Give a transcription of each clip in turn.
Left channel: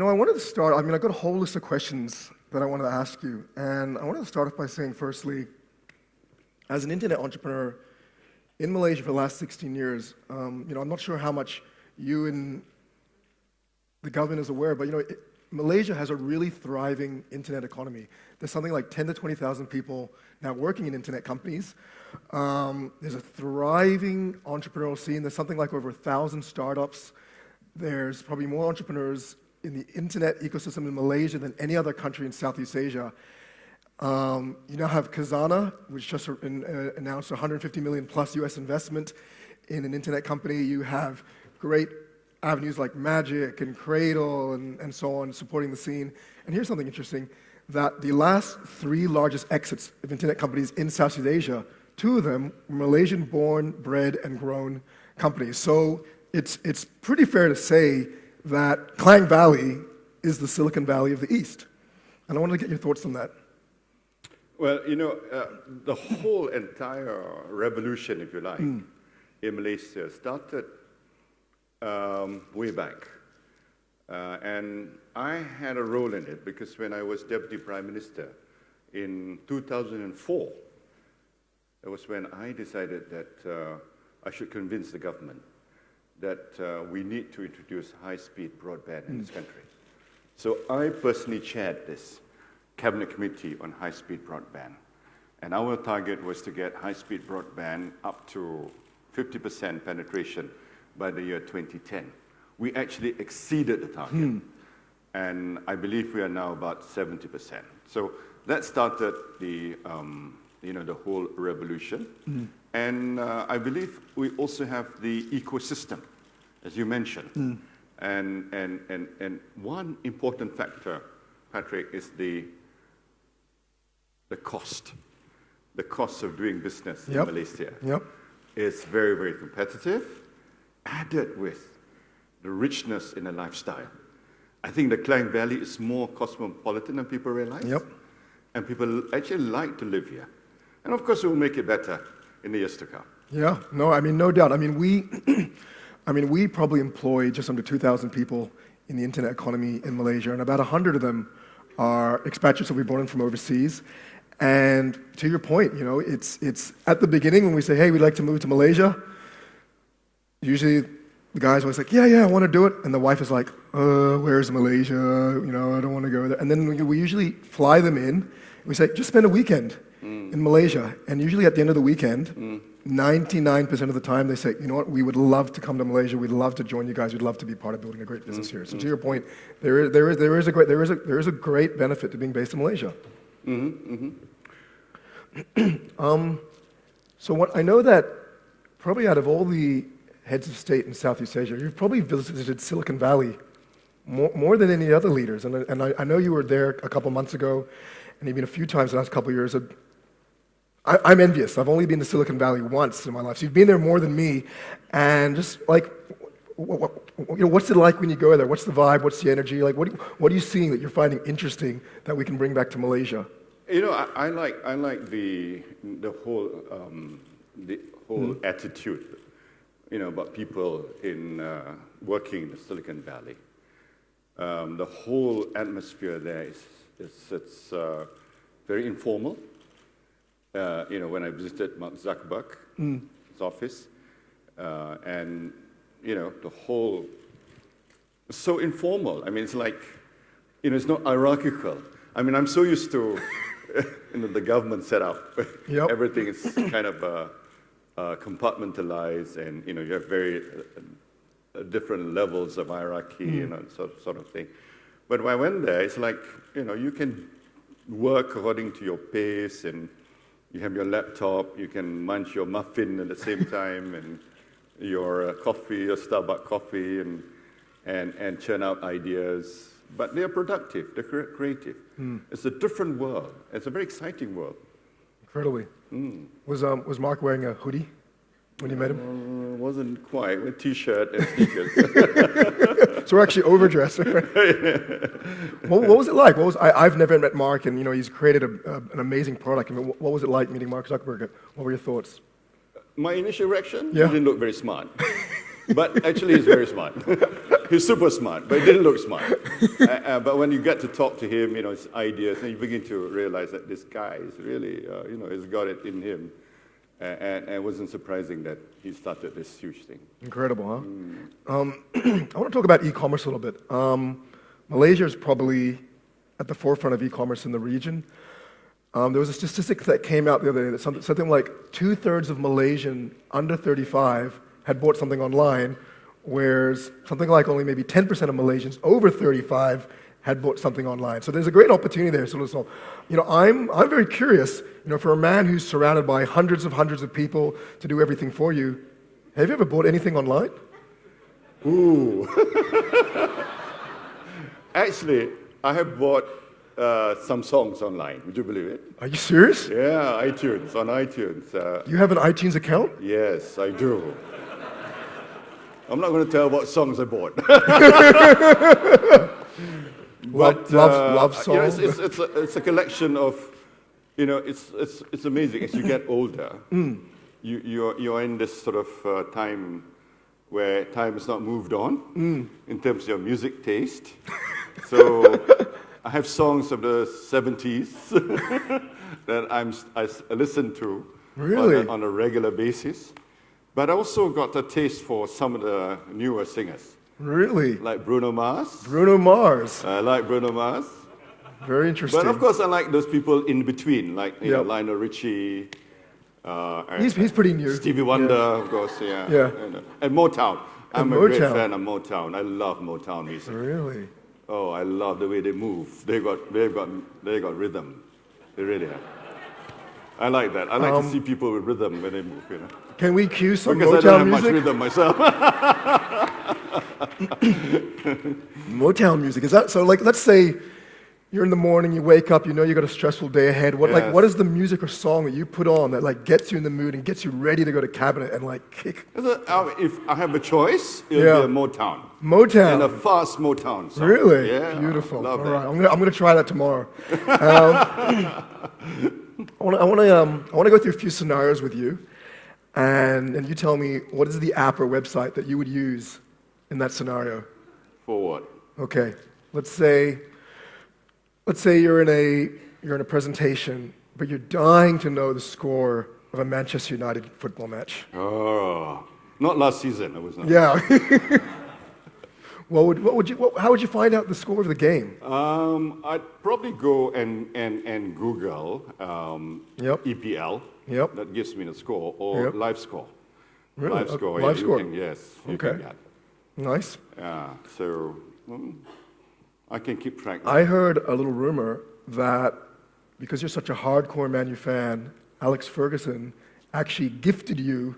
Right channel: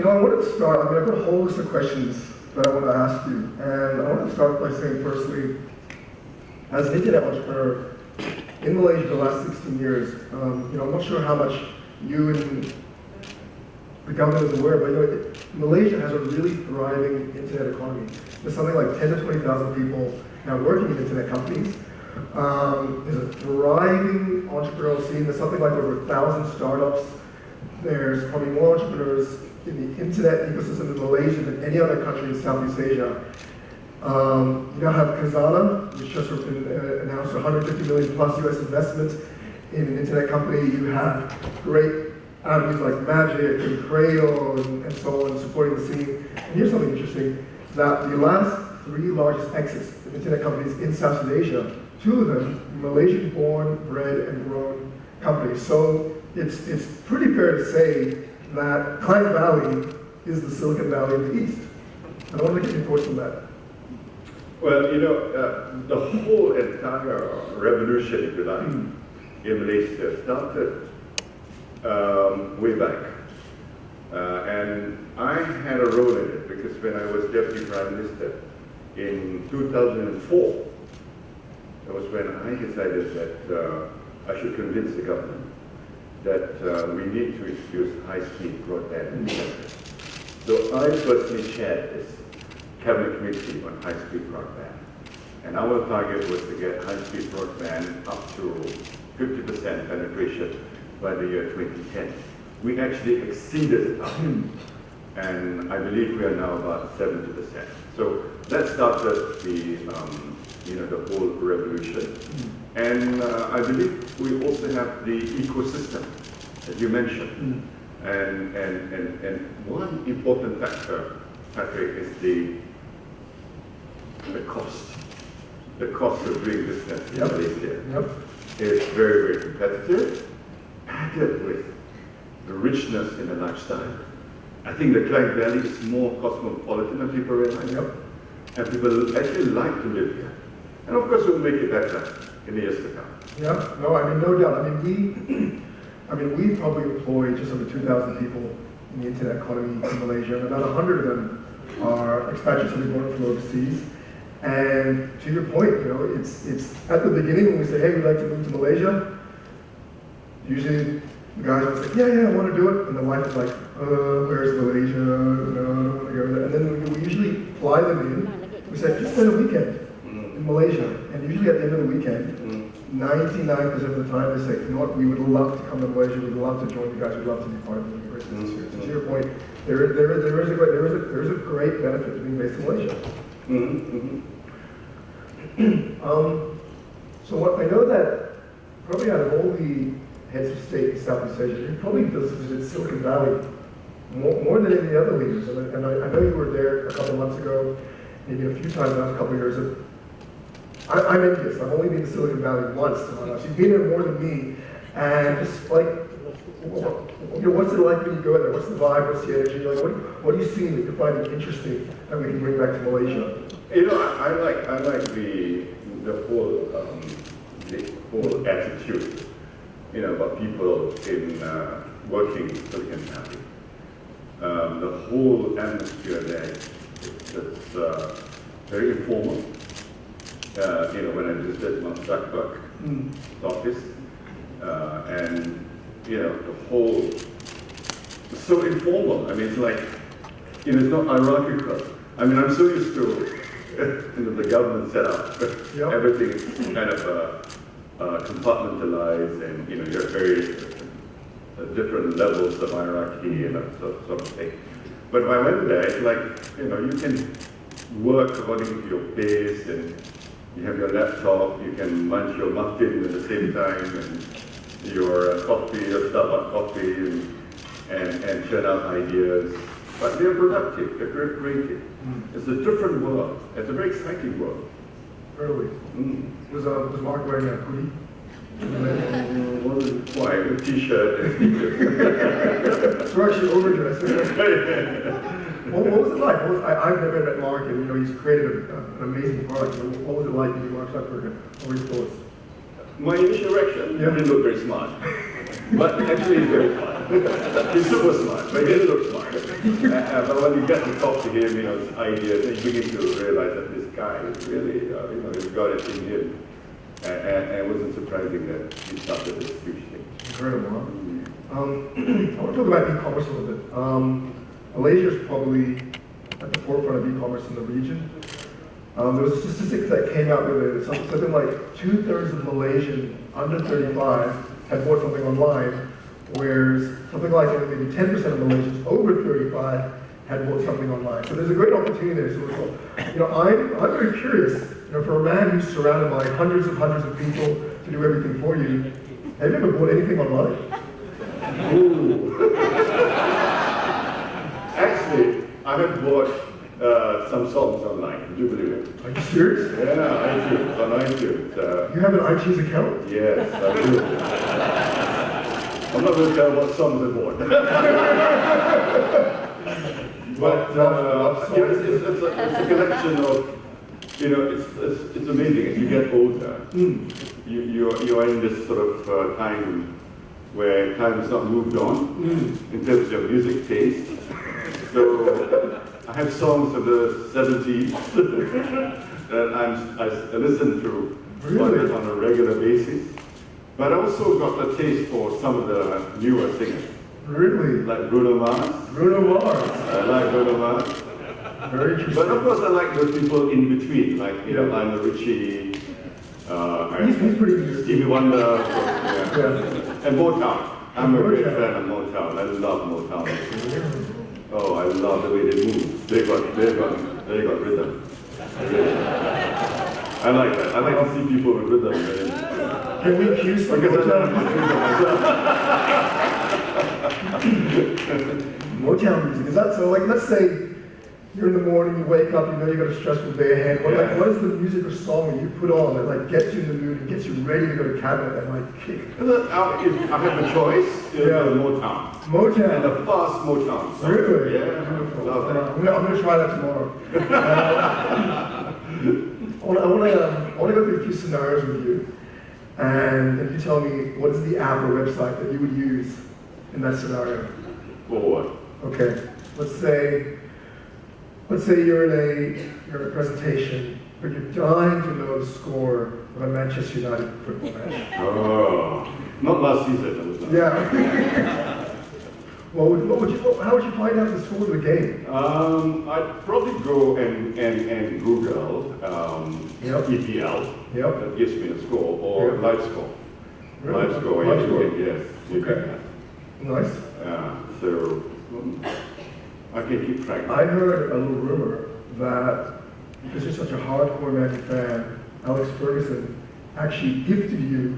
I wanted to start, I've got a whole list of questions that I want to ask you. And I wanted to start by saying, firstly, as an internet entrepreneur in Malaysia for the last 16 years, I'm not sure how much you and the government is aware, but Malaysia has a really thriving internet economy. There's something like 10 to 20,000 people now working in internet companies. There's a thriving entrepreneurial scene. There's something like over 1,000 startups. There's probably more entrepreneurs in the internet ecosystem in Malaysia than any other country in Southeast Asia. You now have Khazanah, which just announced 150 million plus US investment in an internet company. You have great avenues like Magic and Cradle and so on supporting the scene. And here's something interesting, that the last 3 largest exits of internet companies in Southeast Asia, 2 of them were Malaysian-born, bred, and grown companies. So it's pretty fair to say that Klang Valley is the Silicon Valley of the East. And I want to get your thoughts on that. Well, the whole entire revolution, if you like, in Malaysia started way back. And I had a role in it because when I was Deputy Prime Minister in 2004, it was when I decided that I should convince the government that we need to introduce high-speed broadband in the country. So I personally chaired this Cabinet Committee on high-speed broadband. And our target was to get high-speed broadband up to 50% penetration by the year 2010. We actually exceeded the target. And I believe we are now about 70%. So that started the whole revolution. And I believe we also have the ecosystem, as you mentioned. And one important factor, Patrick, is the cost. The cost of doing business in Malaysia is very, very competitive, added with the richness in a lifestyle. I think the Klang Valley is more cosmopolitan than people realize. And people actually like to live here. And of course, we'll make it better in the years to come. No doubt. We probably employ just under 2,000 people in the internet economy in Malaysia, and about 100 of them are expatriates that we brought in from overseas. And to your point, it's at the beginning when we say, hey, we'd like to move to Malaysia, usually the guys are like, yeah, I want to do it. And the wife is like, where's Malaysia? I don't want to go there. And then we usually fly them in. We say, just spend a weekend in Malaysia. And usually at the end of the weekend, 99% of the time they say, you know what, we would love to come to Malaysia. We'd love to join you guys. We'd love to be part of doing a great business here. So to your point, there is a great benefit to being based in Malaysia. So what I know that probably out of all the heads of state in Southeast Asia, you've probably visited Silicon Valley more than any other leaders. And I know you were there a couple months ago, and you've been a few times in the last couple of years. I'm envious. I've only been to Silicon Valley once in my life. So you've been there more than me. And just like, what's it like when you go there? What's the vibe? What's the energy? Like, what are you seeing that you're finding interesting that we can bring back to Malaysia? I like the whole attitude, about people in working in Silicon Valley. The whole atmosphere there is very informal. When I visited Mark Zuckerberg's office, and the whole so informal. It's like it's not hierarchical. I'm so used to the government setup, but everything is kind of compartmentalized, and you have very different levels of hierarchy, sort of thing. But when I went there, it's like you can work according to your pace, and you have your laptop, you can munch your muffin at the same time, and your coffee, your Starbucks coffee, and churn out ideas. But they're productive, they're very creative. It's a different world. It's a very exciting world. Really? Was Mark wearing a hoodie when you met him? Wasn't quite, a t-shirt. So we're actually overdressed. What was it like? I've never met Mark, and he's created an amazing product. What was it like meeting Mark Zuckerberg? What were your thoughts? My initial reaction? Yeah. He looked very smart. But actually he's very smart. He's super smart, but he didn't look smart. But when you get to talk to him, his ideas, and you begin to realize that this guy is really, he's got it in him. And it wasn't surprising that he started this huge thing. Incredible, huh? I want to talk about e-commerce a little bit. Malaysia is probably at the forefront of e-commerce in the region. There was a statistic that came out the other day that something like 2/3 of Malaysian under 35 had bought something online, whereas something like only maybe 10% of Malaysians over 35 had bought something online. So there's a great opportunity there. So I'm very curious. For a man who's surrounded by hundreds of people to do everything for you, have you ever bought anything online? Ooh. Actually, I have bought some songs online. Would you believe it? Are you serious? Yeah, iTunes, on iTunes. You have an iTunes account? Yes, I do. I'm not going to tell what songs I bought. But love songs. It's a collection of, it's amazing. As you get older, you're in this sort of time where time has not moved on in terms of your music taste. So I have songs of the 70s that I listen to on a regular basis. But I also got a taste for some of the newer singers. Really? Like Bruno Mars. Bruno Mars. I like Bruno Mars. Very interesting. But of course I like those people in between, like Lionel Richie, he's pretty new. Stevie Wonder, of course, Yeah. And Motown. I'm a great Motown. fan of Motown. I love Motown. Really? Oh, I love the way they move. They got rhythm. They really. I like that. I like to see people with rhythm. Can we cue some Because I don't Motown have much music? rhythm myself. Motown music, is that so? Like, let's say you're in the morning, you wake up, you know you got a stressful day ahead. What is the music or song that you put on that gets you in the mood and gets you ready to go to cabinet and kick? If I have a choice, it would be Motown. Motown. And a fast Motown song. Really? Yeah. Beautiful. Love All it. right, I'm gonna try that tomorrow. I want to go through a few scenarios with you, and you tell me what is the app or website that you would use in that scenario. For what? Okay. Let's say you're in a presentation, but you're dying to know the score of a Manchester United football match. Oh, not last season. Was it? Yeah. How would you find out the score of the game? I'd probably go and Google EPL. Yep. That gives me a score or live score. Really? Live score. Live score. Yes. Okay. Nice. So I can keep track. I heard a little rumor that because you're such a hardcore Man U fan, Alex Ferguson actually gifted you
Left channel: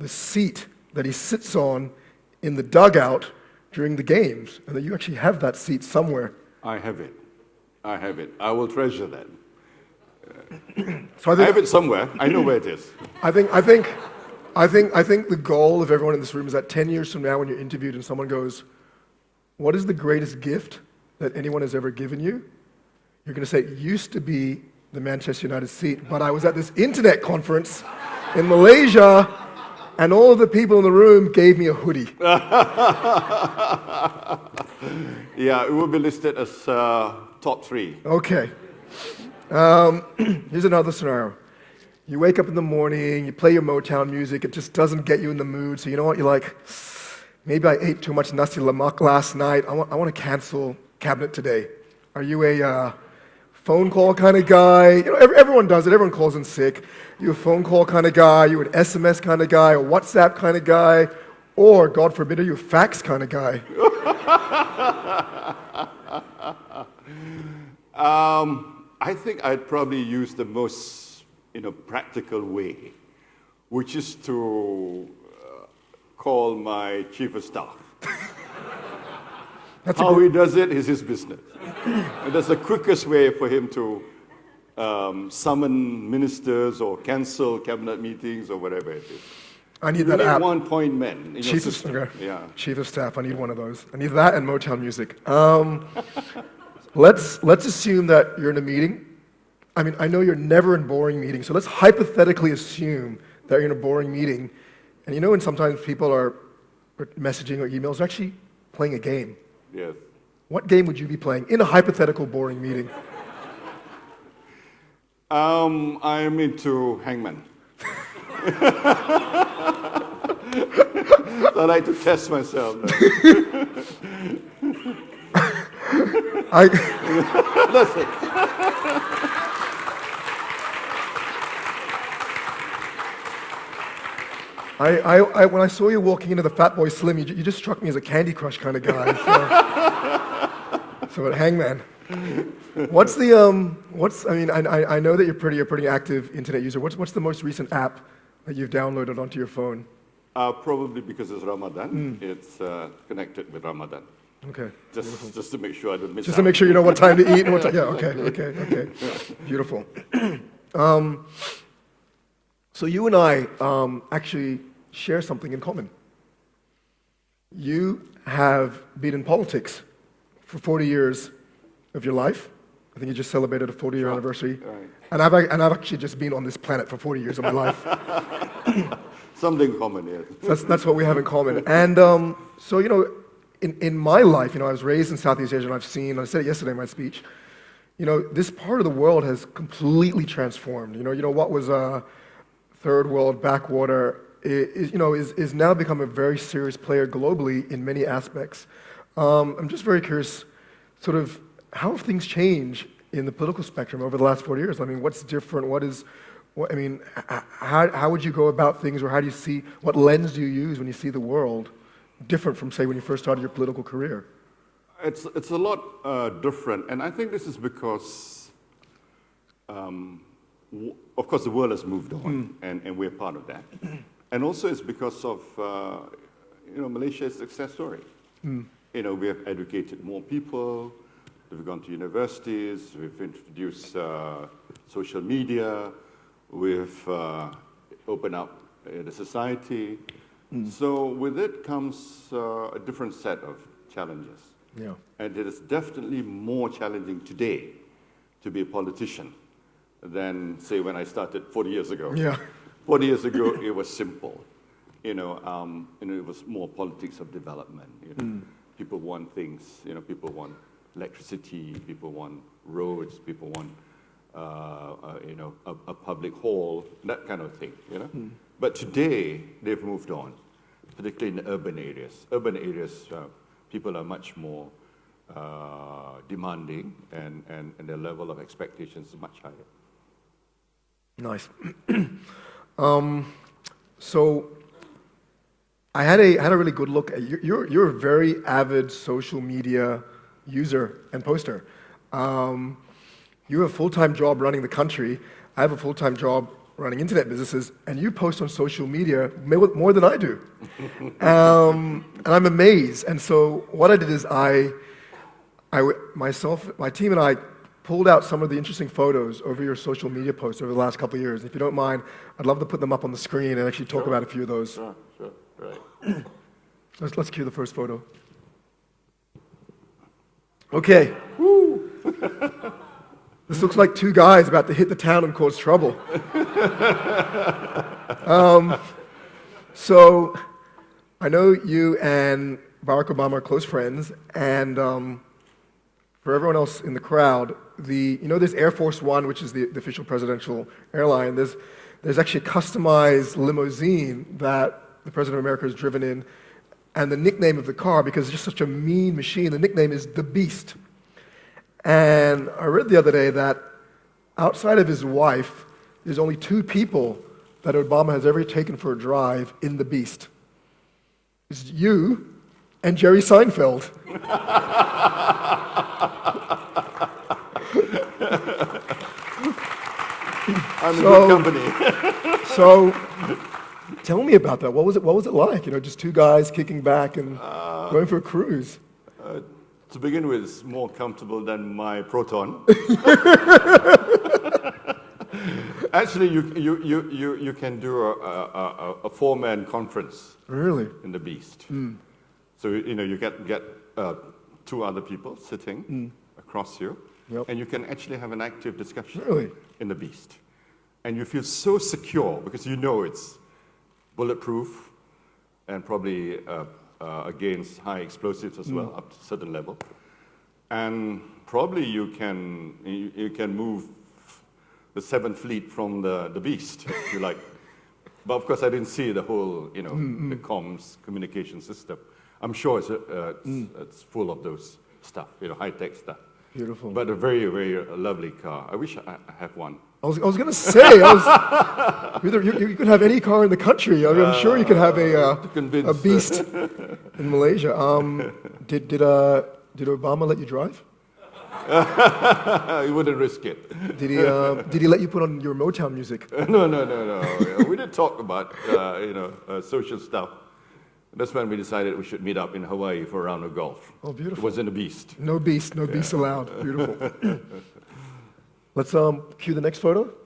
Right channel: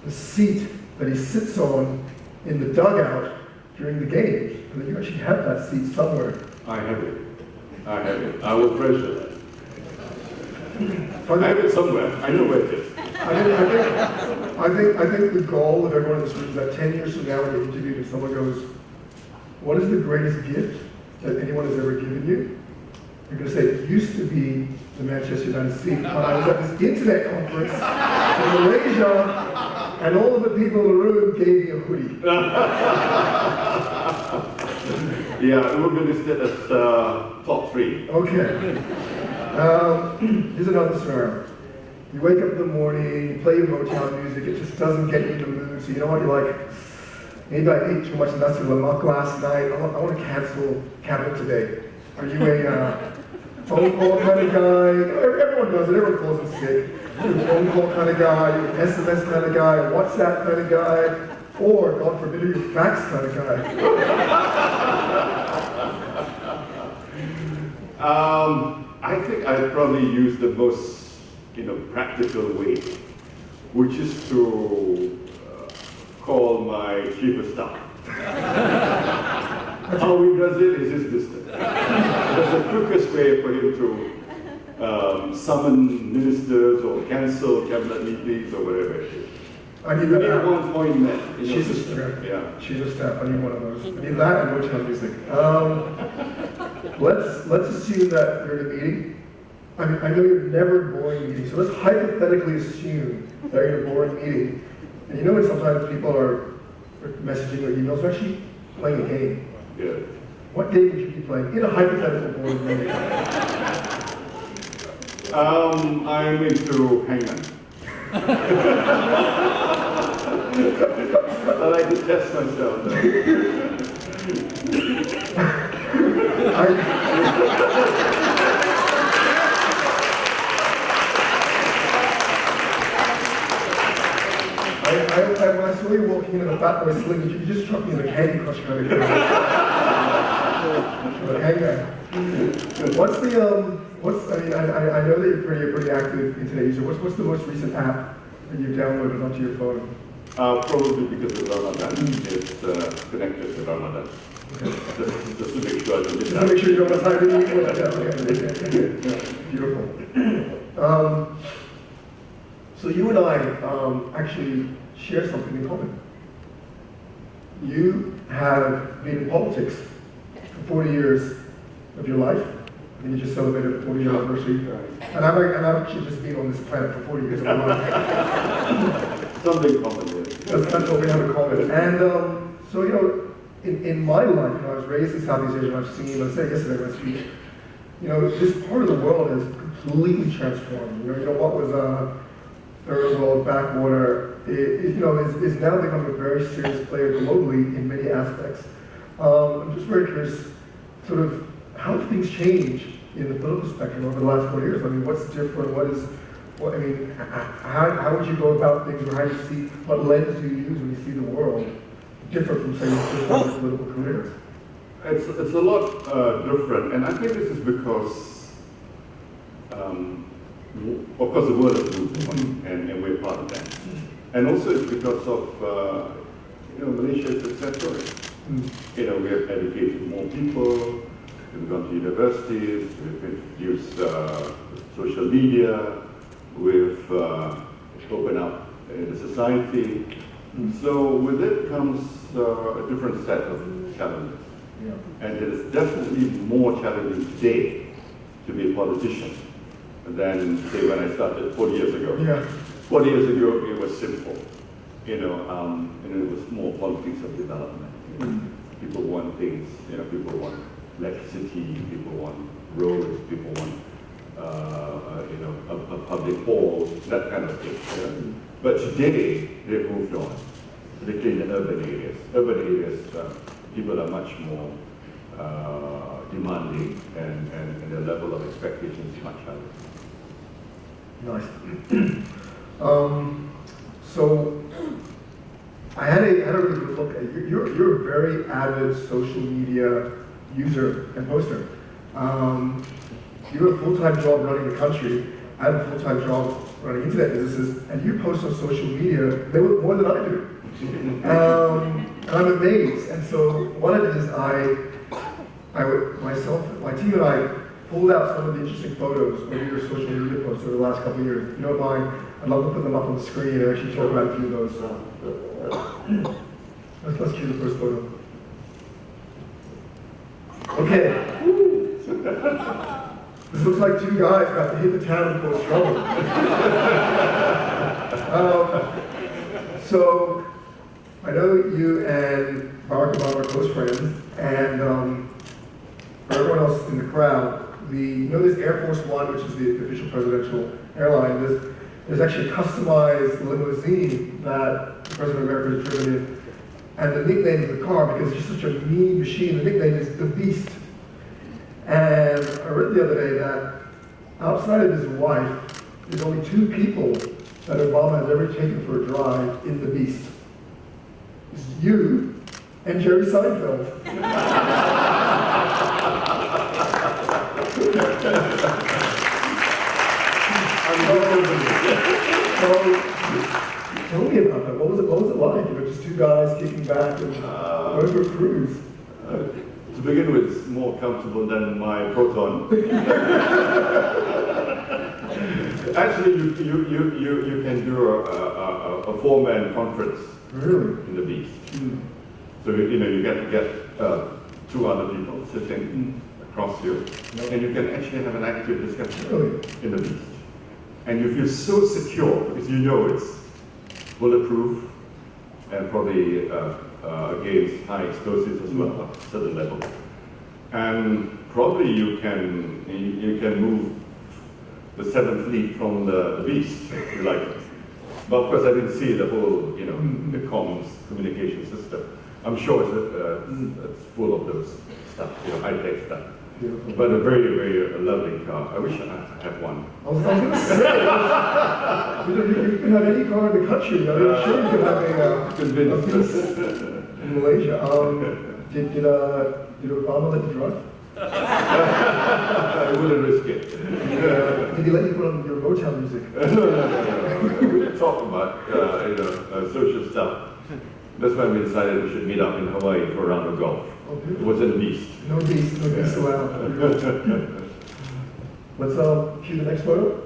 the seat that he sits on in the dugout during the games, and that you actually have that seat somewhere. I have it. I will treasure that. So I have it somewhere. I know where it is. I think the goal of everyone in this room is that 10 years from now, when you're interviewed and someone goes, "What is the greatest gift that anyone has ever given you?" You're going to say, "It used to be the Manchester United seat, but I was at this internet conference in Malaysia, and all of the people in the room gave me a hoodie." Yeah, it will be listed as top 3. Okay. Here's another scenario. You wake up in the morning, you play your Motown music, it just doesn't get you in the mood, so you know what, you're like, maybe I ate too much nasi lemak last night, I want to cancel cabinet today. Are you a phone call kind of guy? Everyone does it, everyone calls in sick. You're a phone call kind of guy, you're an SMS kind of guy, or WhatsApp kind of guy, or, God forbid, are you a fax kind of guy? I think I'd probably use the most practical way, which is to call my chief of staff. How he does it is his business. That's the quickest way for him to summon ministers or cancel cabinet meetings or whatever it is. I need that app. One point man. Chief of Staff. Chief of Staff. I need one of those. I need that and Motown music. Let's assume that you're in a meeting. I mean, I know you're never in boring meetings, so let's hypothetically assume that you're in a boring meeting. And when sometimes people are or messaging or emails, are actually playing a game. Yeah. What game would you be playing in a hypothetical board meeting? I'm into Hangman. I like to test myself. When I saw you walking into the Fat Boy Slim, you just struck me as a Candy Crush kind of guy. So, Hangman. I know that you're pretty active internet user. What's the most recent app that you've downloaded onto your phone? Probably because of Ramadan. It's connected to Ramadan. Yeah. Just to make sure I don't miss Just to make sure you know what time to eat and what time. Yeah, okay. Beautiful. So you and I actually share something in common. You have been in politics for 40 years of your life. I think you just celebrated a 40-year anniversary. And I've actually just been on this planet for 40 years of my life. Something common, yeah. That's what we have in common. And so, in my life, I was raised in Southeast Asia, and I said it yesterday in my speech, this part of the world has completely transformed. What was a third world backwater is now become a very serious player globally in many aspects. I'm just very curious, sort of, how have things changed in the political spectrum over the last 40 years? I mean, what's different? How would you go about things, or how do you see, what lens do you use when you see the world different from, say, when you first started your political career? It's a lot different, and I think this is because, of course, the world has moved on, and we're part of that. And also it's because of, Malaysia's success story. We have educated more people, we've gone to universities, we've introduced social media, we've opened up in the society. So with it comes a different set of challenges. Yeah. And it is definitely more challenging today to be a politician than, say, when I started 40 years ago. Yeah. 40 years ago, it was simple. It was more politics of development. People want things, people want electricity, people want roads, people want, a public hall, that kind of thing. But today, they've moved on, particularly in the urban areas. Urban areas, people are much more demanding, and their level of expectation is much higher. Nice. So I had a really good look at you. You're a very avid social media user and poster. You have a full-time job running the country. I have a full-time job running internet businesses, and you post on social media more than I do. And I'm amazed. And so what I did is my team and I pulled out some of the interesting photos over your social media posts over the last couple of years. If you don't mind, I'd love to put them up on the screen and actually talk about a few of those. Let's cue the first photo. Okay. This looks like two guys about to hit the town and cause trouble. So I know you and Barack Obama are close friends, and for everyone else in the crowd, there's Air Force One, which is the official presidential airline. There's actually a customized limousine that the President of America has driven in, and the nickname of the car, because it's just such a mean machine, the nickname is the Beast. And I read the other day that outside of his wife, there's only two people that Obama has ever taken for a drive in the Beast. It's you and Jerry Seinfeld. So tell me about that. What was it like? Just two guys kicking back and going for a cruise. To begin with, it's more comfortable than my Proton. Actually, you can do a four-man conference. Really? In the Beast. So you get two other people sitting across you, and you can actually have an active discussion in the Beast. And you feel so secure because you know it's bulletproof and probably against high explosives as well, at a certain level. And probably you can move the Seventh Fleet from the beast, if you like. But of course, I didn't see the whole, the comms communication system. I'm sure it's full of those stuff, high-tech stuff. Beautiful. But a very, very lovely car. I wish I had one. I was going to say, you could have any car in the country. I mean, I'm sure you could have a beast in Malaysia. Did Obama let you drive? I wouldn't risk it. Did he let you put on your Motown music? No. We didn't talk about social stuff. That's why we decided we should meet up in Hawaii for a round of golf. Oh, beautiful. Was it a beast? No beast allowed. Let's cue the next photo.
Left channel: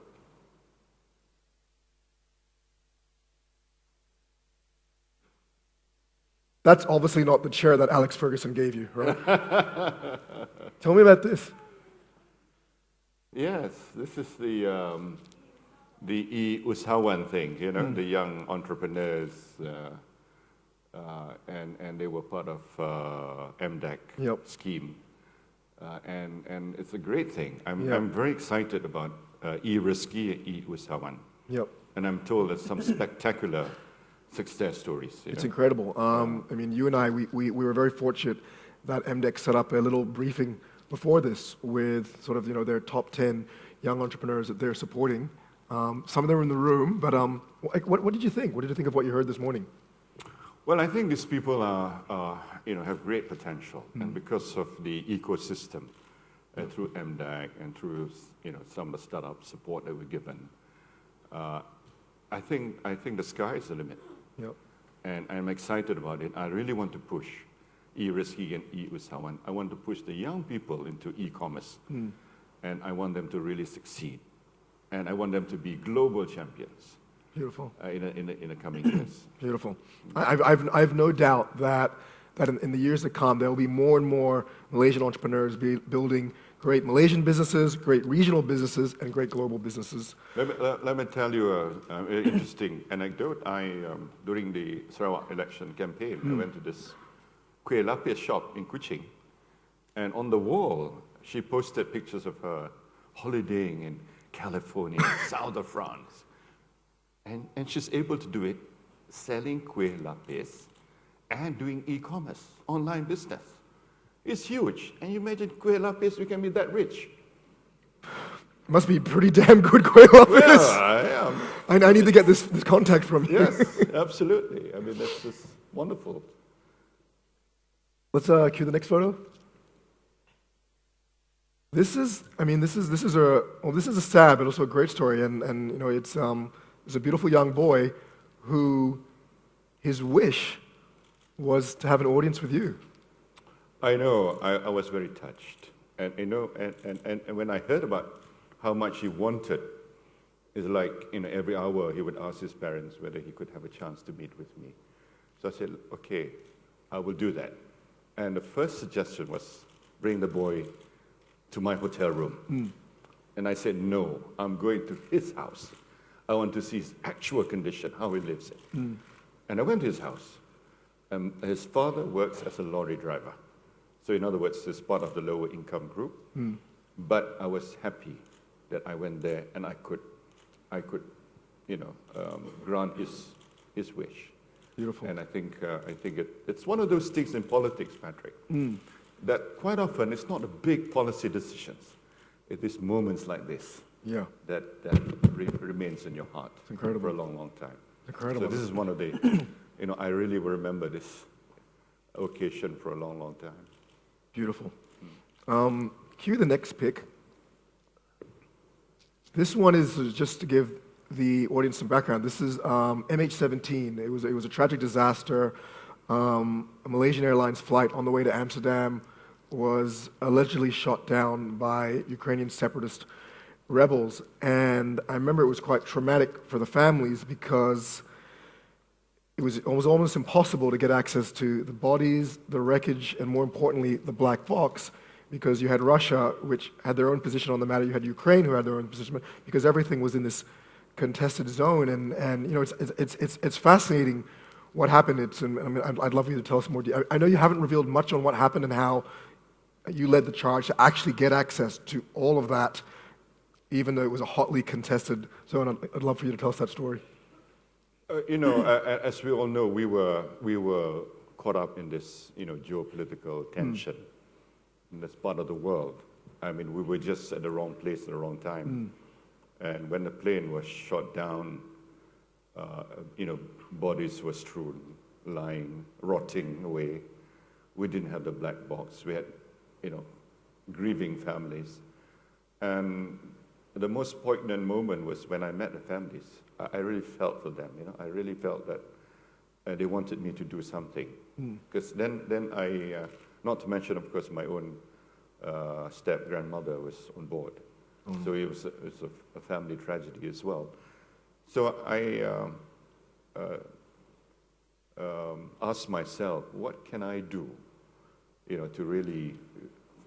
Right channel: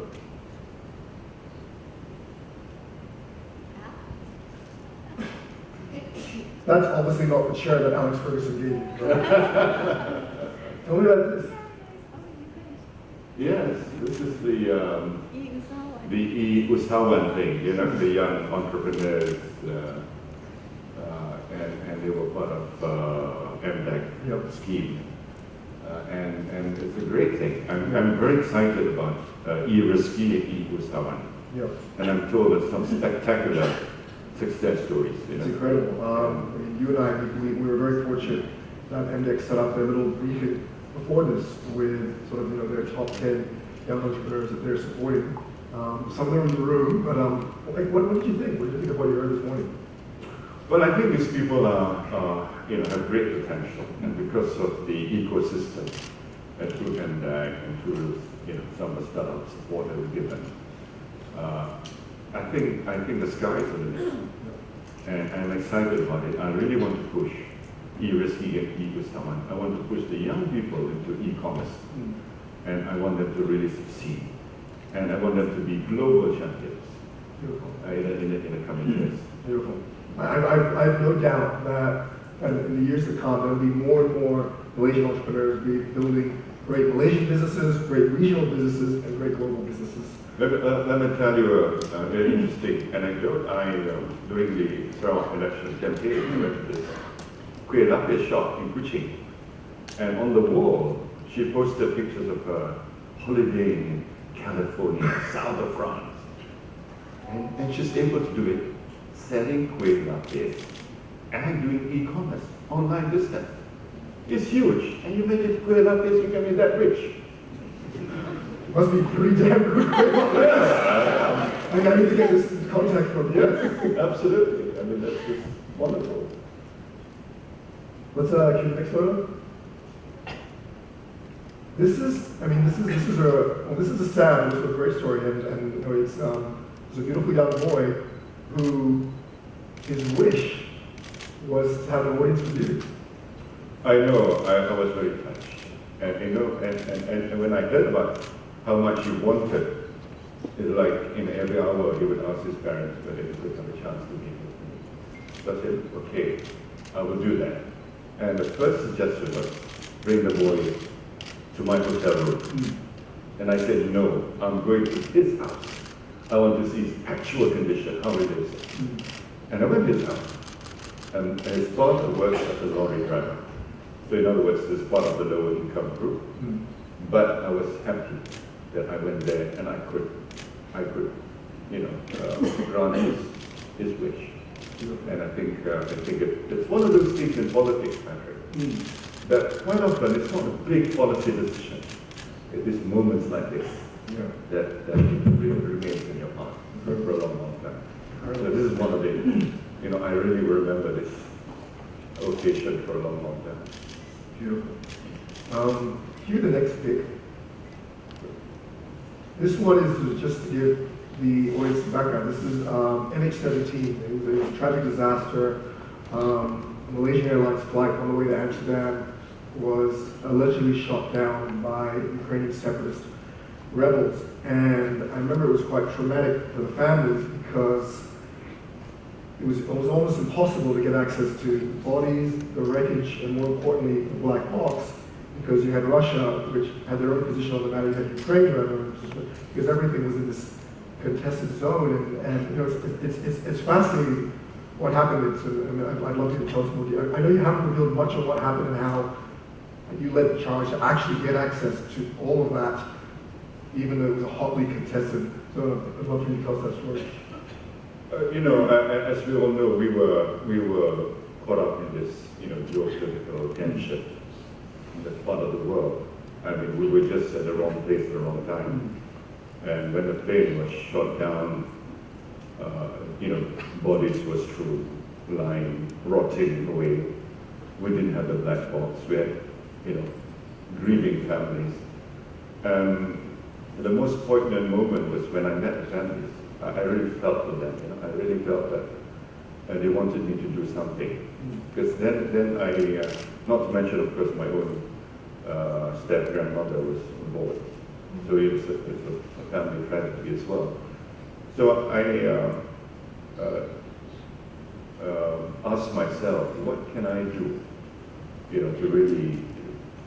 That's obviously not the chair that Alex Ferguson gave you, right? Tell me about this. Yes, this is the Usahawan thing, the young entrepreneurs, and they were part of MDEC scheme. And it's a great thing. I'm very excited about e-risky Usahawan. Yep. And I'm told there's some spectacular success stories. It's incredible. I mean, you and I, we were very fortunate that MDEC set up a little briefing before this with sort of, their top 10 young entrepreneurs that they're supporting. Some of them are in the room, but what did you think? What did you think of what you heard this morning? Well, I think these people have great potential, and because of the ecosystem through MDEC and through some of the startup support that we've given, I think the sky is the limit, and I'm excited about it. I really want to push e-risky and e-Usahawan. I want to push the young people into e-commerce, and I want them to really succeed, and I want them to be global champions. Beautiful. In the coming years. Beautiful. I've no doubt that in the years to come, there will be more and more Malaysian entrepreneurs building great Malaysian businesses, great regional businesses, and great global businesses. Let me tell you a very interesting anecdote. During the Sarawak election campaign, I went to this Kuala Lumpur shop in Kuching, and on the wall, she posted pictures of her holidaying in California, south of France. And she's able to do it, selling kuih lapis and doing e-commerce, online business. It's huge. And you imagine kuih lapis, you can be that rich. Must be pretty damn good kuih lapis. Yeah. I need to get this contact from you. Yes, absolutely. I mean, that's just wonderful. Let's cue the next photo. This is a sad but also a great story, and it's a beautiful young boy who his wish was to have an audience with you. I know. I was very touched, and and when I heard about how much he wanted, it's like every hour he would ask his parents whether he could have a chance to meet with me. So I said, okay, I will do that. And the first suggestion was bring the boy to my hotel room. And I said, no, I'm going to his house. I want to see his actual condition, how he lives there. And I went to his house. And his father works as a lorry driver. So in other words, this is part of the lower income group. But I was happy that I went there and I could grant his wish. And I think it's one of those things in politics, Patrick, that quite often it's not a big policy decision. It is moments like this that really remains in your heart for a long, long time. So this is one of the, I really remember this occasion for a long, long time. Beautiful. Cue the next pic. This one is just to give the audience some background. This is MH17. It was a tragic disaster. A Malaysian Airlines flight on the way to Amsterdam was allegedly shot down by Ukrainian separatist rebels. And I remember it was quite traumatic for the families because it was almost impossible to get access to the bodies, the wreckage, and more importantly, the black box, because you had Russia, which had their own position on the matter, you had Ukraine, who had their own position, because everything was in this contested zone, and it's fascinating what happened. I'd love you to tell us more. I know you haven't revealed much on what happened and how you led the charge to actually get access to all of that, even though it was a hotly contested. So I'd love for you to tell us that story. As we all know, we were caught up in this, geopolitical tension in this part of the world. I mean, we were just at the wrong place at the wrong time. And when the plane was shot down, bodies were strewn, lying, rotting away. We didn't have a black box. We had, grieving families. The most poignant moment was when I met the families. I really felt for them. I really felt that they wanted me to do something. Because then I, not to mention, of course, my own step-grandmother was on board. So it was a family tragedy as well. So I asked myself, what can I do, to really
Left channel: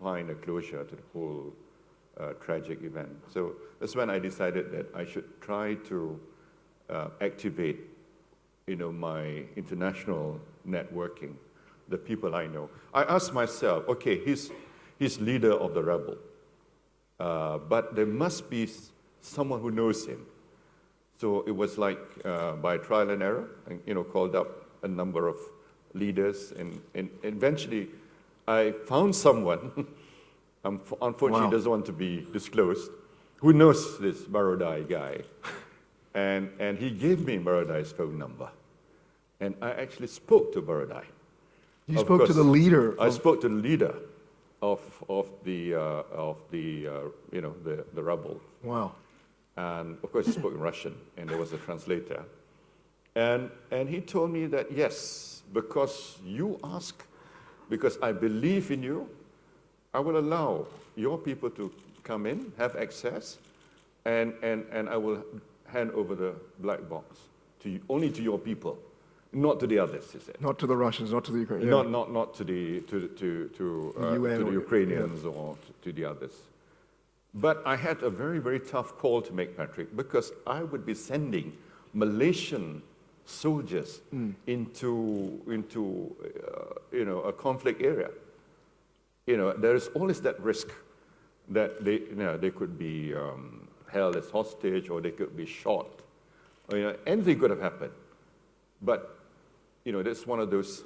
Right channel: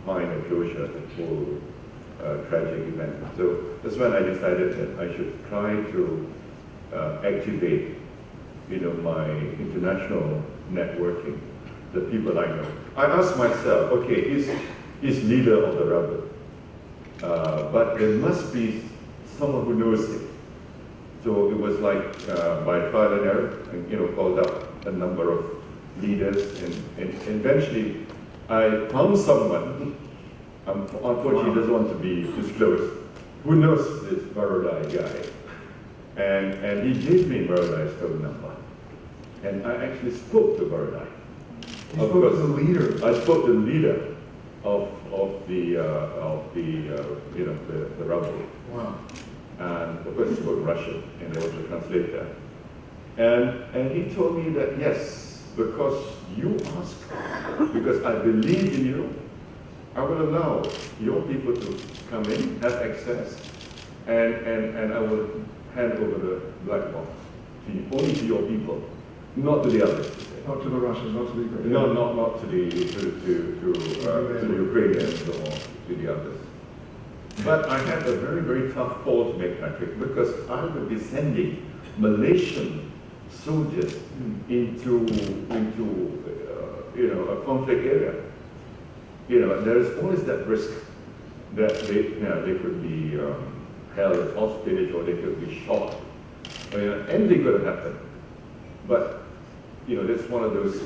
find a closure to the whole tragic event. So that's when I decided that I should try to activate, my international networking, the people I know. I asked myself, okay, he's leader of the rebel, but there must be someone who knows him. So it was like by trial and error, and called up a number of leaders, and eventually I found someone. Unfortunately, he doesn't want to be disclosed. Who knows this Barodai guy? And he gave me Barodai's phone number, and I actually spoke to Barodai. You spoke to the leader. I spoke to the leader of the rebel. Wow. And of course, he spoke Russian, and he was a translator. And he told me that yes, because you asked, because I believe in you, I will allow your people to come in, have access, and I will hand over the black box to you, only to your people, not to the others. Not to the Russians, not to the Ukrainians. Not to the Ukrainians or to the others. But I had a very, very tough call to make, Patrick, because I would be sending Malaysian soldiers into a conflict area. There is always that risk that they could be held as hostage, or they could be shot. Anything could have happened. But it's one of those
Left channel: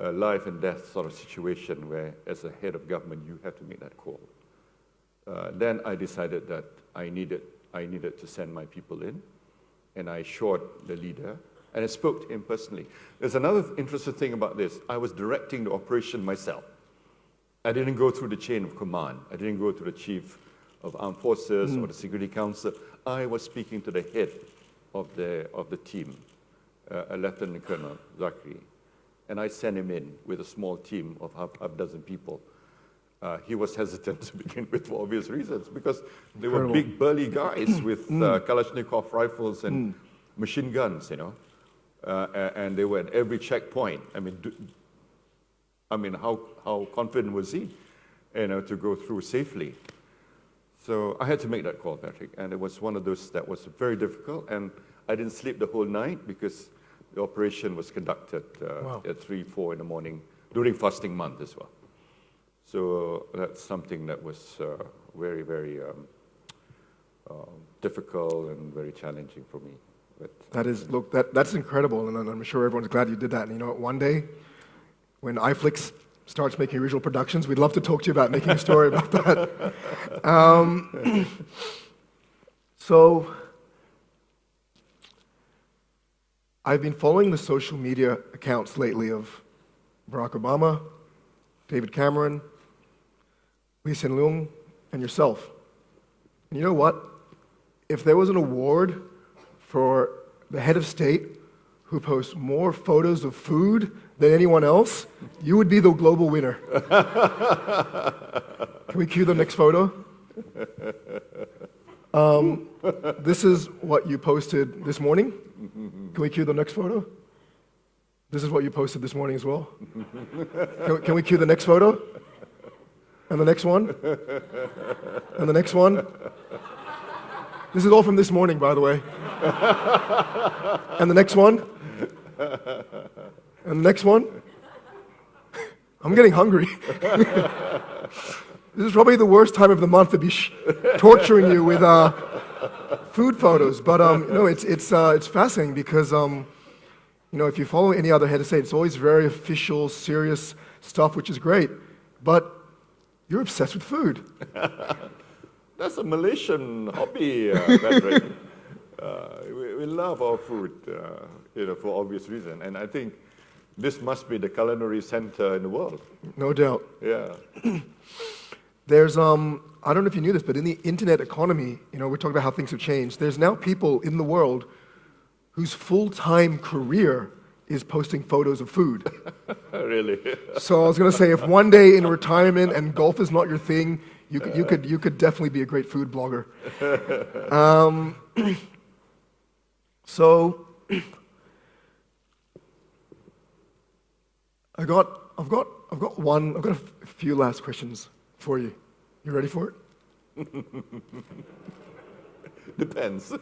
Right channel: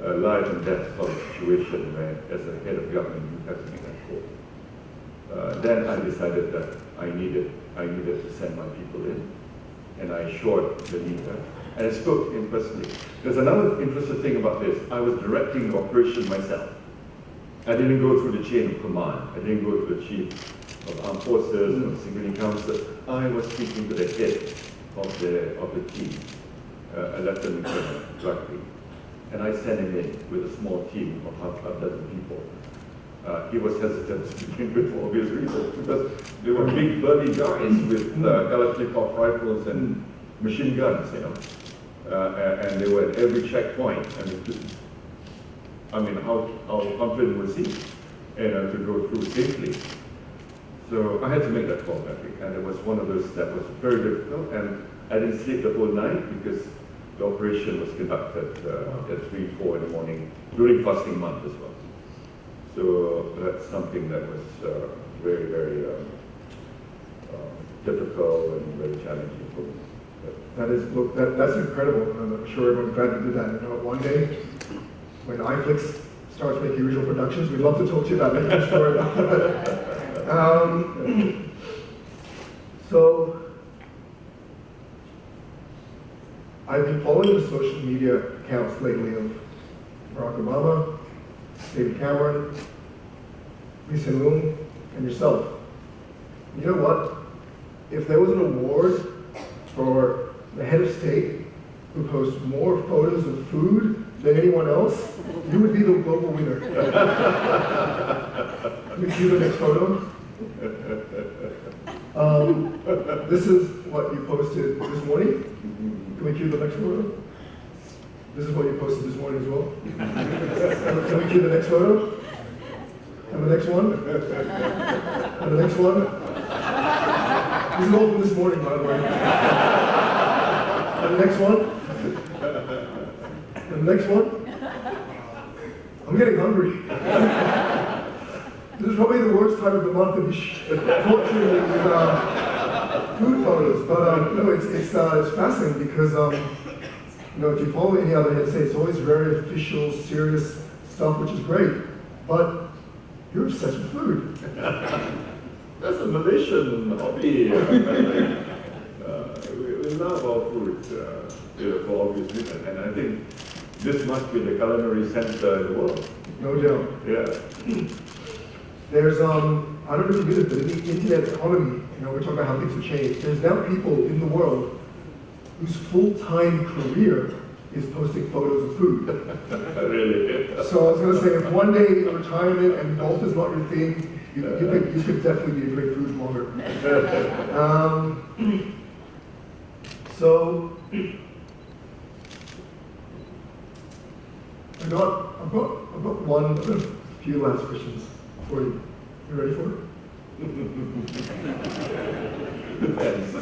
life and death sort of situation where, as a head of government, you have to make that call. Then I decided that I needed to send my people in, and I assured the leader, and I spoke to him personally. There's another interesting thing about this. I was directing the operation myself. I didn't go through the chain of command. I didn't go to the chief of armed forces or security council. I was speaking to the head of the team, a lieutenant colonel, directly. And I sent him in with a small team of half a dozen people. He was hesitant to begin with for obvious reasons, because they were big, burly guys with Kalashnikov rifles and machine guns, and they were at every checkpoint. How confident was he, to go through safely? So I had to make that call, Patrick, and it was one of those that was very difficult, and I didn't sleep the whole night because the operation was conducted at 3, 4 in the morning during fasting month as well. So that's something that was very, very difficult and very challenging for me. That's incredible, and I'm sure everyone's glad you did that. One day, when iFlix starts making original productions, we'd love to talk to you about making a story about that. So, I've been following the social media accounts lately of Barack Obama, David Cameron, Lee Hsien Loong, and yourself. And you know what? If there was an award for the head of state who posts more photos of food than anyone else, you would be the global winner. Can we cue the next photo? This is what you posted this morning. Can we cue the next photo? This is what you posted this morning as well. Can we cue the next photo? And the next one? And the next one? This is all from this morning, by the way. And the next one? next one. I'm getting hungry. This is probably the worst time of the month to be torturing you with food photos. But no, it's fascinating because if you follow any other head of state, it's always very official, serious stuff, which is great. But you're obsessed with food. That's a Malaysian hobby, Mandarin. We love our food, for obvious reason. And I think this must be the culinary center in the world. No doubt. Yeah. There's, I don't know if you knew this, but in the internet economy, we're talking about how things have changed. There's now people in the world whose full-time career is posting photos of food. Really? So I was going to say, if one day in retirement and golf is not your thing, you could definitely be a great food blogger. So I've got a few last questions for you. You ready for it? Depends.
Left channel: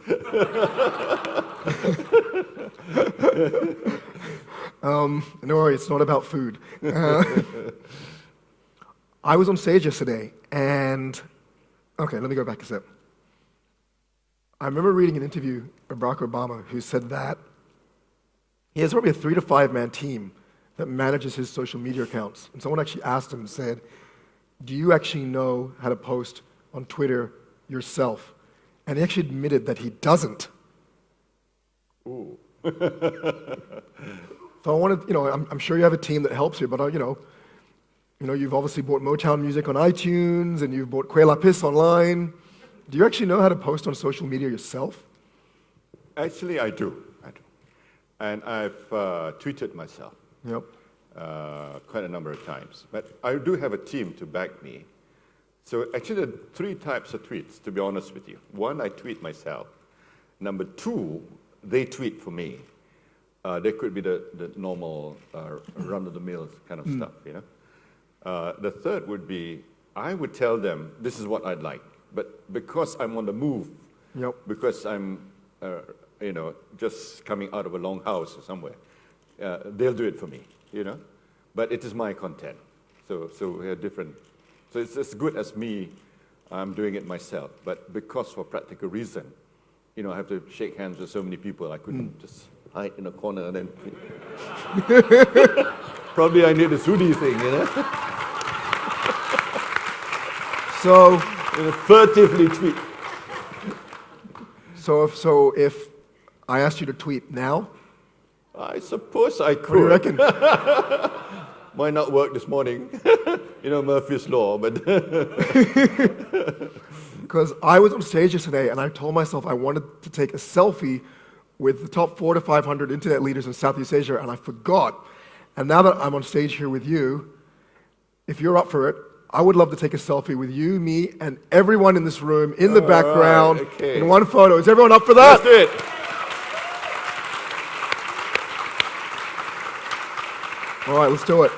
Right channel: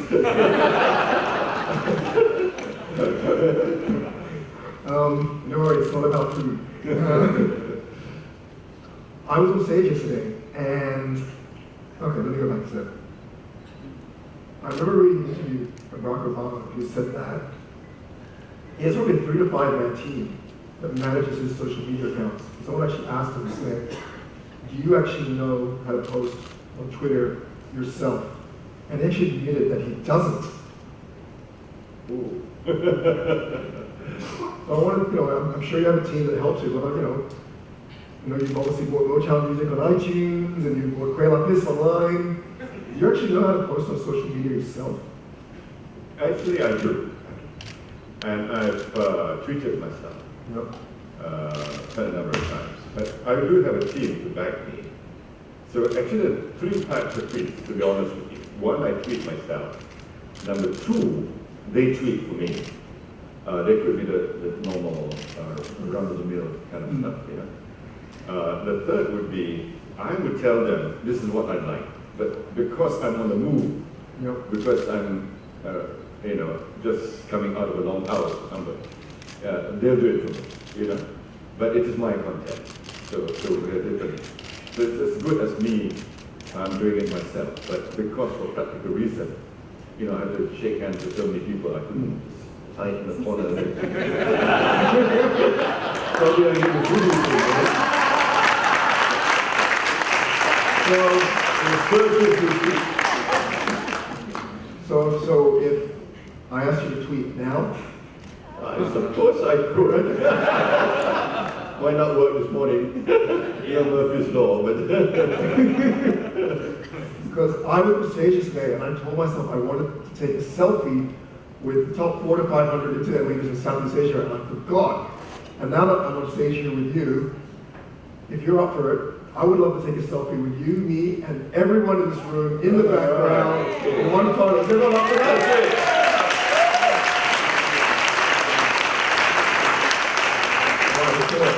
No worry, it's not about food. I was on stage yesterday, and okay, let me go back a step. I remember reading an interview of Barack Obama who said that he has probably a 3 to 5 man team that manages his social media accounts. Someone actually asked him, said, do you actually know how to post on Twitter yourself? And he actually admitted that he doesn't. Ooh. So I wanted, I'm sure you have a team that helps you, but you've obviously bought Motown music on iTunes, and you've bought Kuala Lumpur online. Do you actually know how to post on social media yourself? Actually, I do. And I've tweeted myself. Yep. Quite a number of times. But I do have a team to back me. So actually, there are 3 types of tweets, to be honest with you. 1, I tweet myself. Number 2, they tweet for me. They could be the normal run-of-the-mill kind of stuff, The third would be, I would tell them, this is what I'd like. But because I'm on the move, because I'm, just coming out of a long house or somewhere, they'll do it for me, But it is my content, so we're different. So it's as good as me, I'm doing it myself. But because for practical reason, I have to shake hands with so many people, I couldn't just hide in the corner and then probably I did the foodie thing, So furtively tweet. So if I asked you to tweet now, I suppose I what do you could. reckon? Might not work this morning. Murphy's Law, but... Because I was on stage yesterday and I told myself I wanted to take a selfie with the top 400 to 500 internet leaders in Southeast Asia, and I forgot. And now that I'm on stage here with you, if you're up for it, I would love to take a selfie with you, me, and everyone in this room, in the background, in one photo. Is everyone up for that? That's it. All right, let's do it.